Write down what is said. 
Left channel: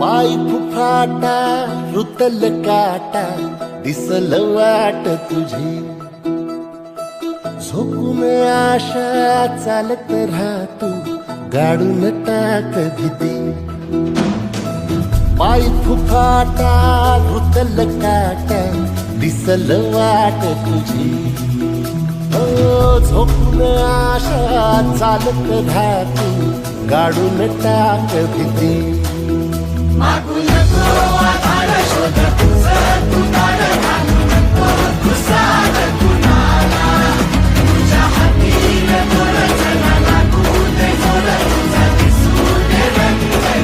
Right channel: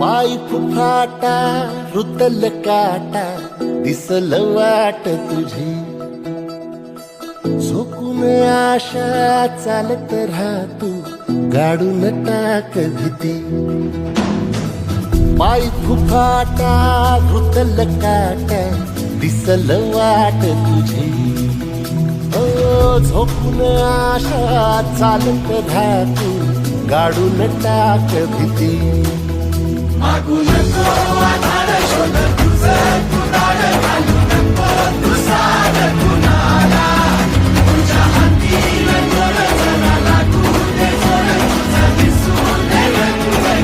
पाय फुफाटा रुतल काटा दिसल वाट तुझी झोकून आशा चालत राहा तू गाडून टाक भीती पाय फुफाटा रुतल काटा दिसल वाट तुझी हो झोकून आशा चालत राहा तू गाडून टाक भीती मागू नको आता